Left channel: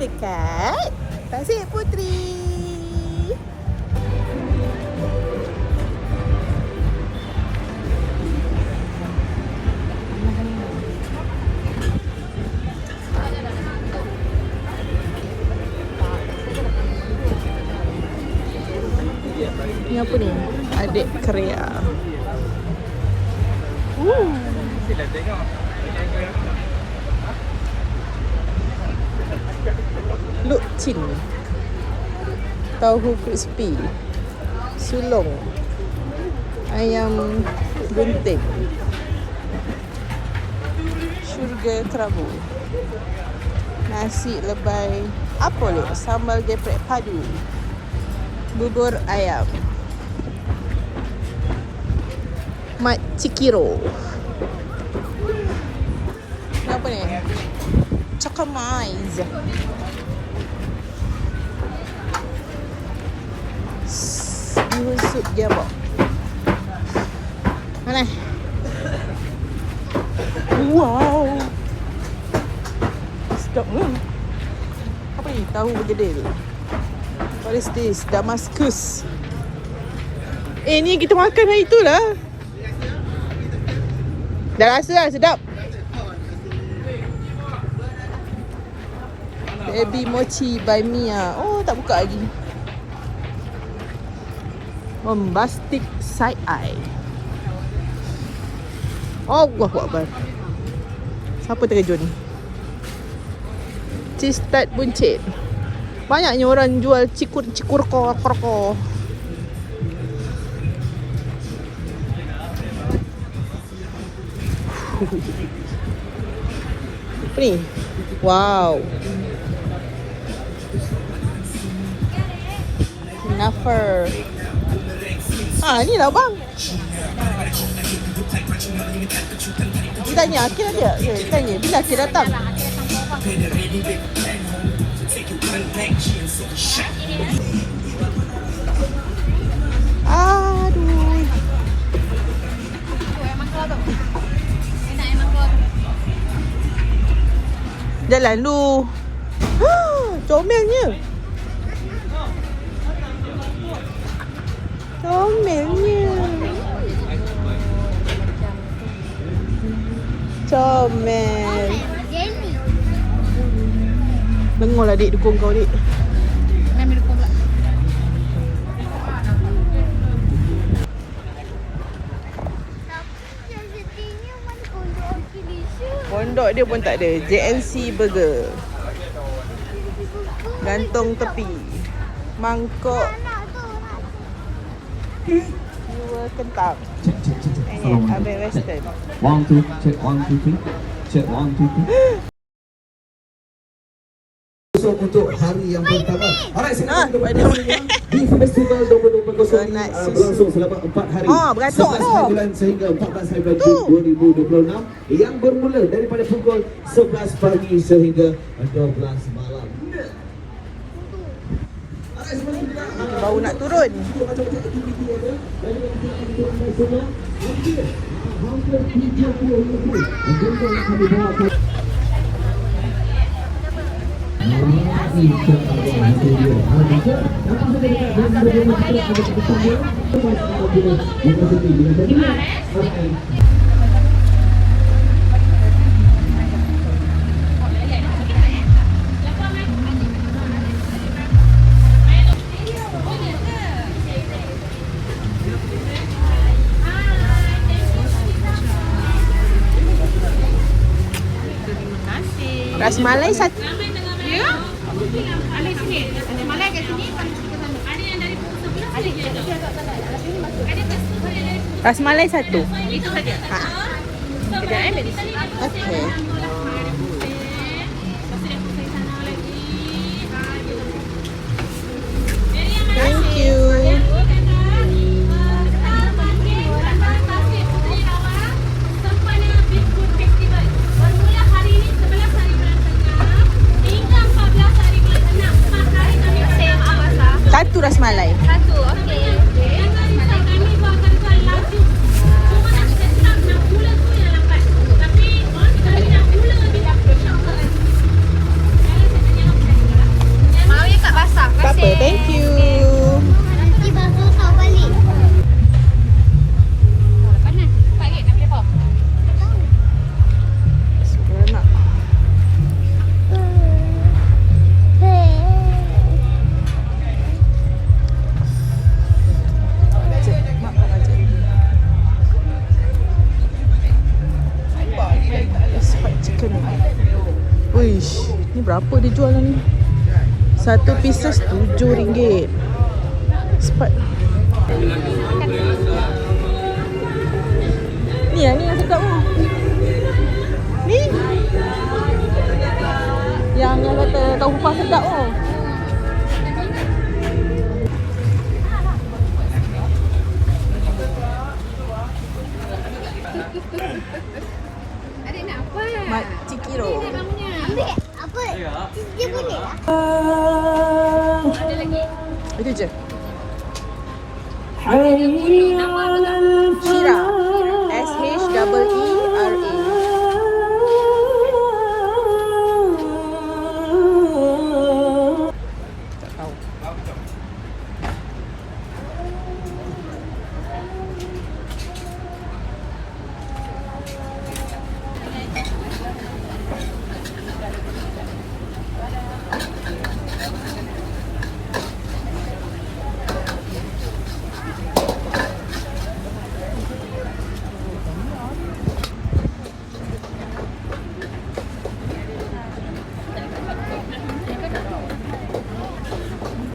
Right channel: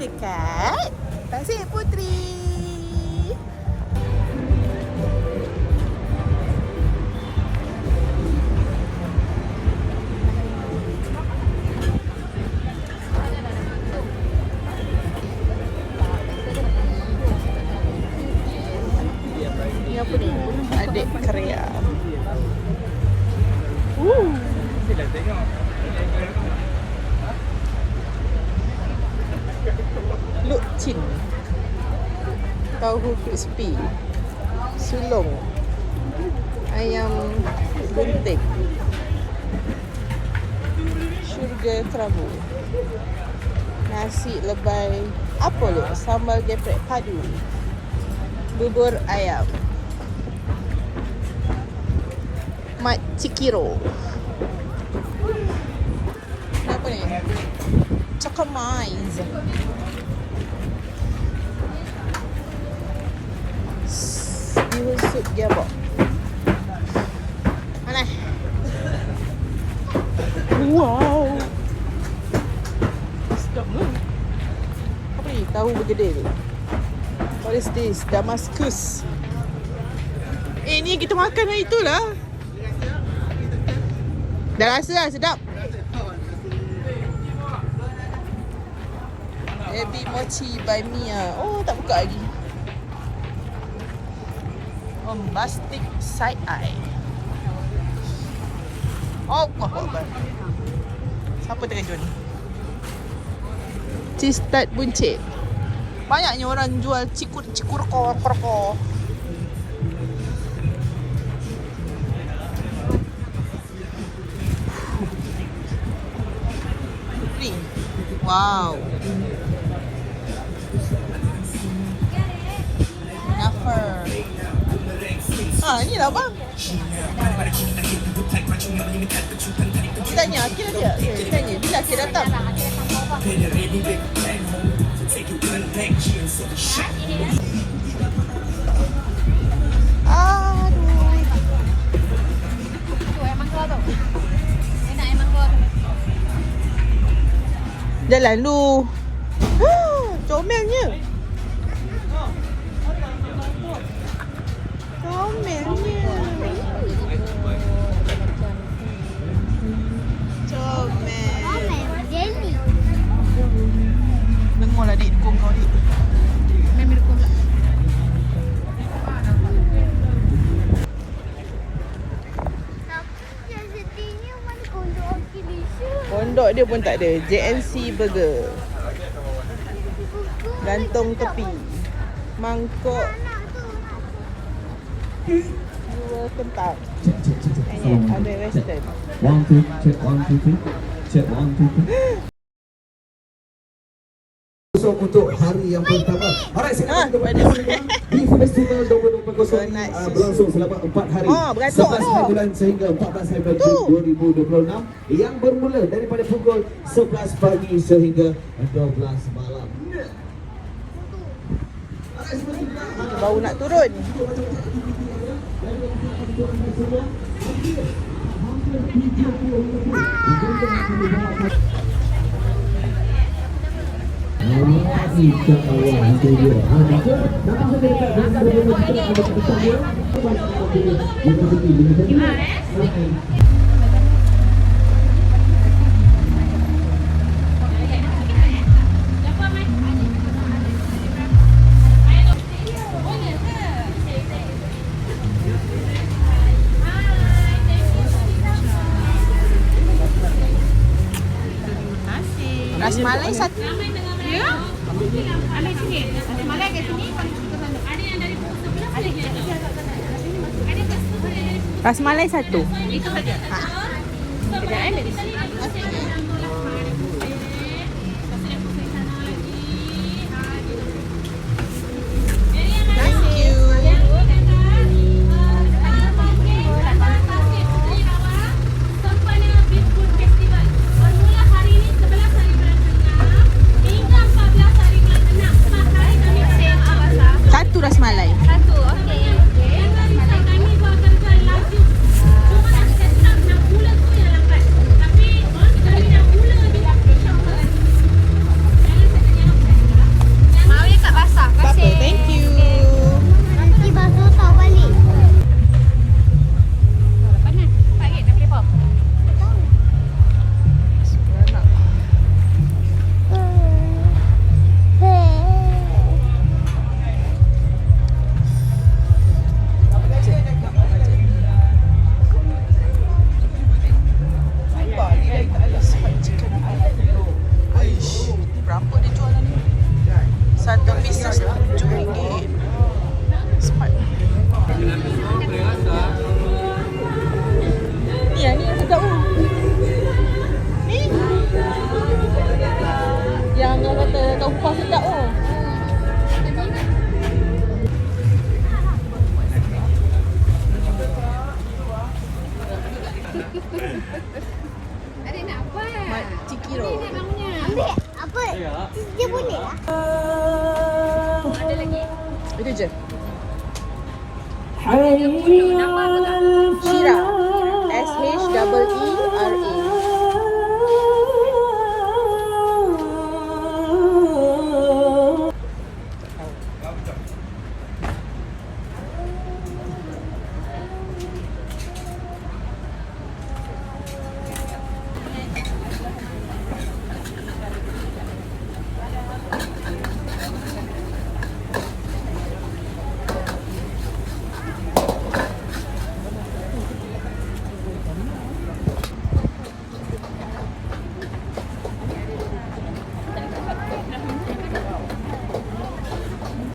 dekat Pasir Puteri. Ni apa ni? Adik Korea. Lukcin, tahu crispy, sulong, ayam bunting, syurga kerabu, nasi lebai, apa ni? Sambal geprek padu, bubur ayam, mat cikiro. Apa ni? Chokomais. Mana? Wow. Stop lah. Apa ni? Tahu gede. What is this? Damascus. Ni kita makan hari tu lah. Dah rasa lah, sedap. Baby mochi by Mia. Oh, tak buka lagi. Bombastic side eye. Oh, wah. Siapa terkejut? Cheese tart buncit. Banyaknya orang jual cikur korko. Apa ni? Wow. Naffer. Ni lah bang. Dia tanya, Akil ada? Dia tanya, bila Akil datang? Aduh. Jalan lu. Comelnya. Comel. Bengol lah dik, dukung kau dik. Kami dukung tak? Pondok dia pun tak ada. JNC Burger. Gantung tepi. Mangkok. Kentang. Ada western. 1, 2, check 1, 2, 3. Check 1, 2, 3. Untuk hari yang pertama. Alright, di Festival Domba Domba Kosong berlangsung selama 4 hari. 11 hari bulan sehingga 14 hari bulan Jun 2026 yang bermula daripada pukul 11 pagi sehingga 12 malam. Baru nak turun. Rasmalai satu. Ya? Ada sini. Ada malai kat sini. Ada yang dari sebelah sini. Ada Rasmalai satu. itu saja. Sekejap di sini. Okey. Thank you. Satu rasmalai. Satu, okey. Cuma nak set up nak gula tu yang lambat. Tapi kita nak gula Berapa dia jual ni? Satu pieces RM7. Cepat. Ni yang ni sedap. Ni. Yang dia kata tahu kuah sedap tu. Adik nak apa? Makcik kira. Ini namanya. Ambil apa? Dia boleh lah. Ada lagi. Itu je.